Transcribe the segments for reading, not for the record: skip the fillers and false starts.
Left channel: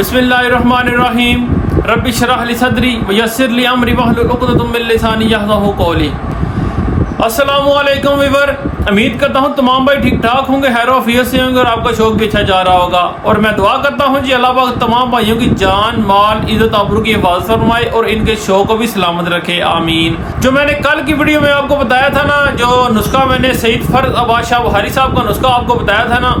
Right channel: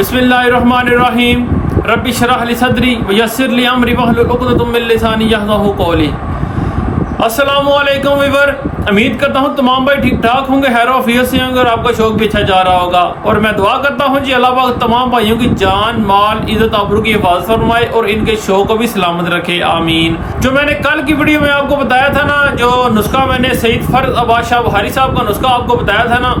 बिस्मिल्लाहिर्रहमानिर्रहीम रब्बि शरह ली सदरी व यस्सिर ली अमरी वहलुल उक़दतम मिन लिसानी यफ़क़हू क़ौली। अस्सलामु अलैकुम वीवर, उम्मीद करता हूँ तमाम भाई ठीक ठाक होंगे, हैरो ऑफियत से होंगे और आपका शौक भी अच्छा जा रहा होगा। और मैं दुआ करता हूँ जी अल्लाह पाक तमाम भाइयों की जान माल इज़्ज़त आबरू की हिफाज़त फरमाए और इनके शौक को भी सलामत रखे, आमीन। जो मैंने कल की वीडियो में आपको बताया था ना, जो नुस्खा मैंने सईद फर्ज अब्बास शाह बुखारी साहब का नुस्खा आपको बताया था ना,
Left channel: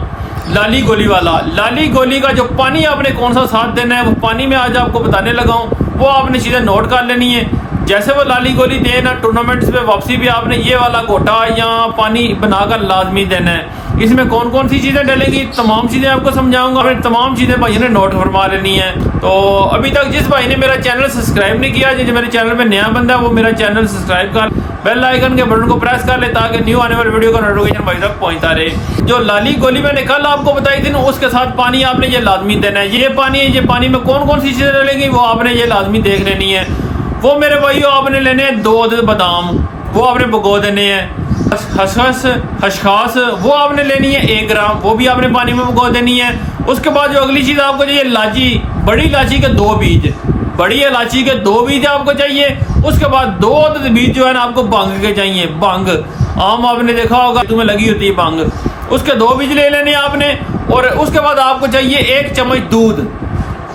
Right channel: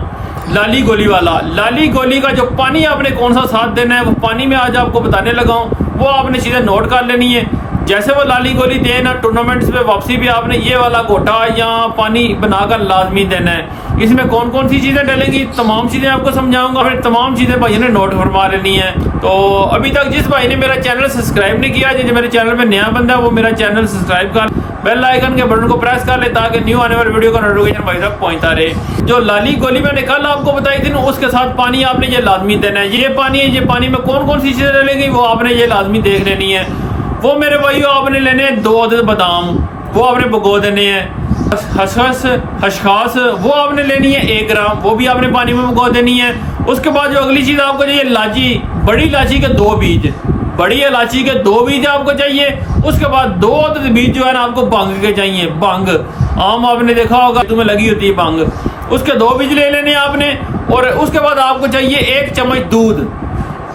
लाली गोली वाला, लाली गोली का जो पानी आपने कौन सा साथ देना है वो पानी में आज आपको बताने लगा हूँ। वो आपने चीज़ें नोट कर लेनी है। जैसे वो लाली गोली दें ना, टूर्नामेंट्स पे वापसी भी आपने ये वाला गोटा या पानी बनाकर लाजमी देना है। इसमें कौन कौन सी चीज़ें डलेंगी तमाम चीज़ें आपको समझाऊंगा। फिर तमाम चीज़ें भाइयों ने नोट फरमा लेनी है। तो अभी तक जिस भाई ने मेरा चैनल सब्सक्राइब नहीं किया, जो मेरे चैनल में नया बंदा है वो मेरा चैनल सब्सक्राइब कर, बेल आइकन के बटन को प्रेस कर ले ताकि न्यू आने वाली वीडियो का नोटिफिकेशन भाई तक पहुंचता रहे। जो लाली गोली मैंने कल आपको बताई थी ना, उसके साथ पानी आपने ये लाजमी देना है। ये पानी है, ये पानी में कौन कौन सी चीज़ें डलेंगी वो आपने ये लाजमी देख लेनी है। वो मेरे भाइयों आपने लेने हैं 2 अदद बादाम, वो आपने भिगो देने हैं। खसखस वो आपने लेनी है 1 ग्राम, वो भी आपने पानी में भिगो देनी है। उसके बाद जो अगली चीज़ आपको चाहिए, इलायची, बड़ी इलायची के 2 बीज, बड़ी इलायची के 2 बीज आपको चाहिए। उसके बाद 2 अदद बीज जो है ना आपको भंग के चाहिए। भंग आम आपने देखा होगा तुम्हें लगी होती है भंग, उसके 2 बीज ले लेने आपने। और उसके बाद आपको चाहिए 1 चम्मच दूध,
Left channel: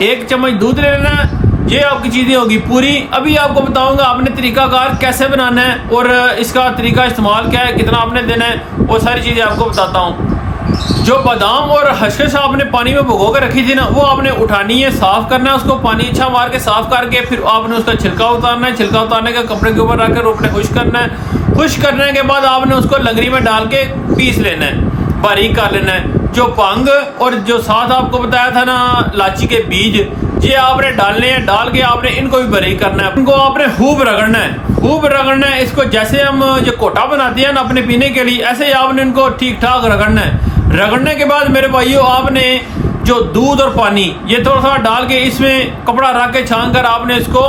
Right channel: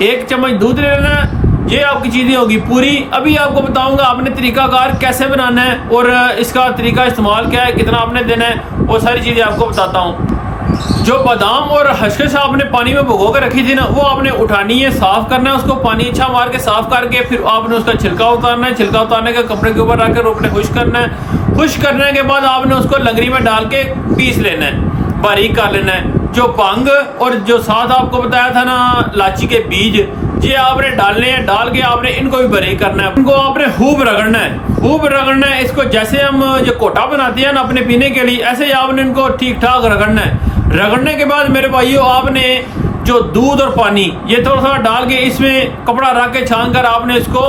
1 चम्मच दूध ले लेना है। ये आपकी चीज़ें होगी पूरी। अभी आपको बताऊंगा आपने तरीकाकार कैसे बनाना है और इसका तरीका इस्तेमाल क्या है, कितना आपने देना है, वो सारी चीज़ें आपको बताता हूँ। जो बादाम और खसखस आपने पानी में भिगो के रखी थी ना, वो आपने उठानी है, साफ़ करना है उसको, पानी अच्छा मार के साफ़ करके फिर आपने उसका छिलका उतारना है। छिलका उतारने के कपड़े के ऊपर रखकर आपने खुश करना है। खुश करने के बाद आपने उसको लंगरी में डाल के पीस लेना है, बारीक कर लेना है। जो भंग और जो साथ आपको बताया था ना इलायची के बीज, ये आपने डालने हैं। डाल के आपने इनको भी बारीक करना है, इनको आपने खूब रगड़ना है, खूब रगड़ना है। इसको जैसे हम जो कोटा बनाते हैं ना अपने पीने के लिए, ऐसे ही आपने इनको ठीक ठाक रगड़ना है। रगड़ने के बाद मेरे भाइयों आपने जो दूध और पानी ये थोड़ा थोड़ा डाल के इसमें कपड़ा रख के छान कर आपने इसको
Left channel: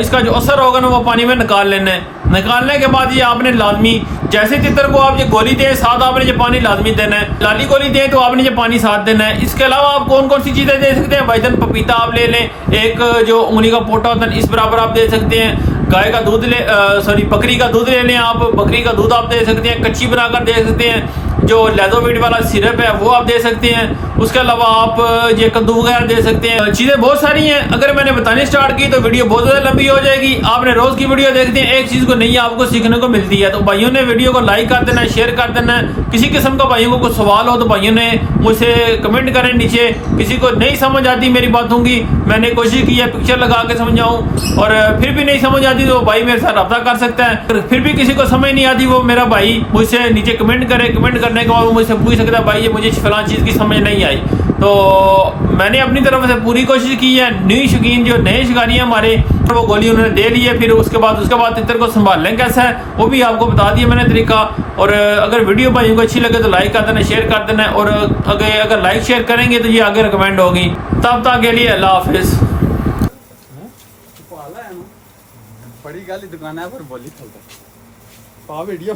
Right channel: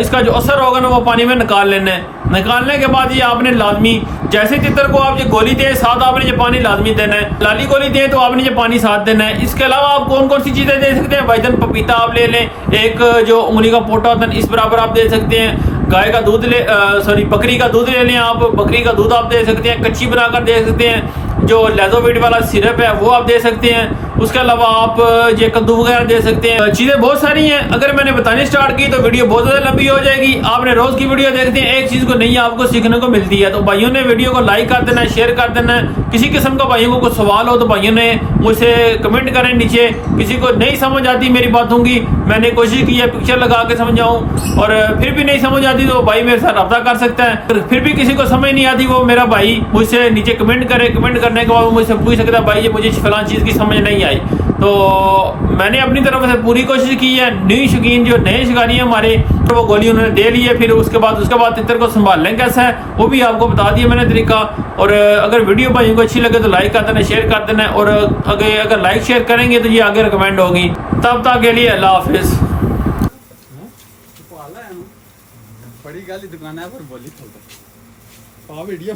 इसका जो असर होगा ना वो पानी में निकाल लेना है। निकालने के बाद ये आपने लाजमी, जैसे तितर को आप ये गोली दें साथ आपने ये पानी लाजमी देना है। लाली गोली दें तो आपने ये पानी साथ देना है। इसके अलावा आप कौन कौन सी चीज़ें दे सकते हैं, भाईजान पपीता आप ले लें, एक जो उंगली का पोटा होता है इस बराबर आप दे सकते हैं। गाय का दूध ले सॉरी बकरी का दूध ले लें आप, बकरी का दूध आप दे सकते हैं, कच्ची बनाकर दे सकते हैं। जो लेजोविट वाला सिरप है वो आप दे सकते हैं। उसके अलावा आप ये कद्दू वगैरह दे सकते हैं। चीज़ें बहुत सारी हैं, अगर मैंने बतानी स्टार्ट की तो वीडियो बहुत ज़्यादा लंबी हो जाएगी। आपने रोज़ की वीडियो देखते हैं, एक चीज़ को नई आपको सीखने को मिलती है। तो भाइयों ने वीडियो को लाइक कर देना है, शेयर कर देना है। किसी किस्म का भाइयों को कुछ सवाल हो तो भाइयों ने मुझसे कमेंट करें नीचे। किसी को नहीं समझ आती मेरी बातों की, मैंने कोशिश की है पिक्चर लगा के समझाऊँ, और फिर भी नहीं समझ आती तो भाई मेरे साथ रब्ता कर सकता है। फिर भी किसी को समझ नहीं आती वो मेरा भाई मुझसे नीचे कमेंट करे, कमेंट करने के बाद मुझसे पूछ सकता है भाई ये मुझे फलां चीज़ की समझ नहीं आई। तो मैंने अपनी तरफ से पूरी कोशिश की है। नई शौकीन जो नए शिकारी हैं हमारे, वो गोली उन्होंने दे ली है। फिर उसके बाद तितर को संभालने कैसा है वो भी आपको बता दिया मैंने तरीका। और अगर वीडियो भाइयों को अच्छी लगे तो लाइक कर देना, शेयर कर देना। और अगर लाइक शेयर करेंगे तो ये आगे रिकमेंड होगी। तब तक के लिए अल्लाह हाफिज़। बड़ी गाली दुकान है पर बोली चलता पा वीडियो।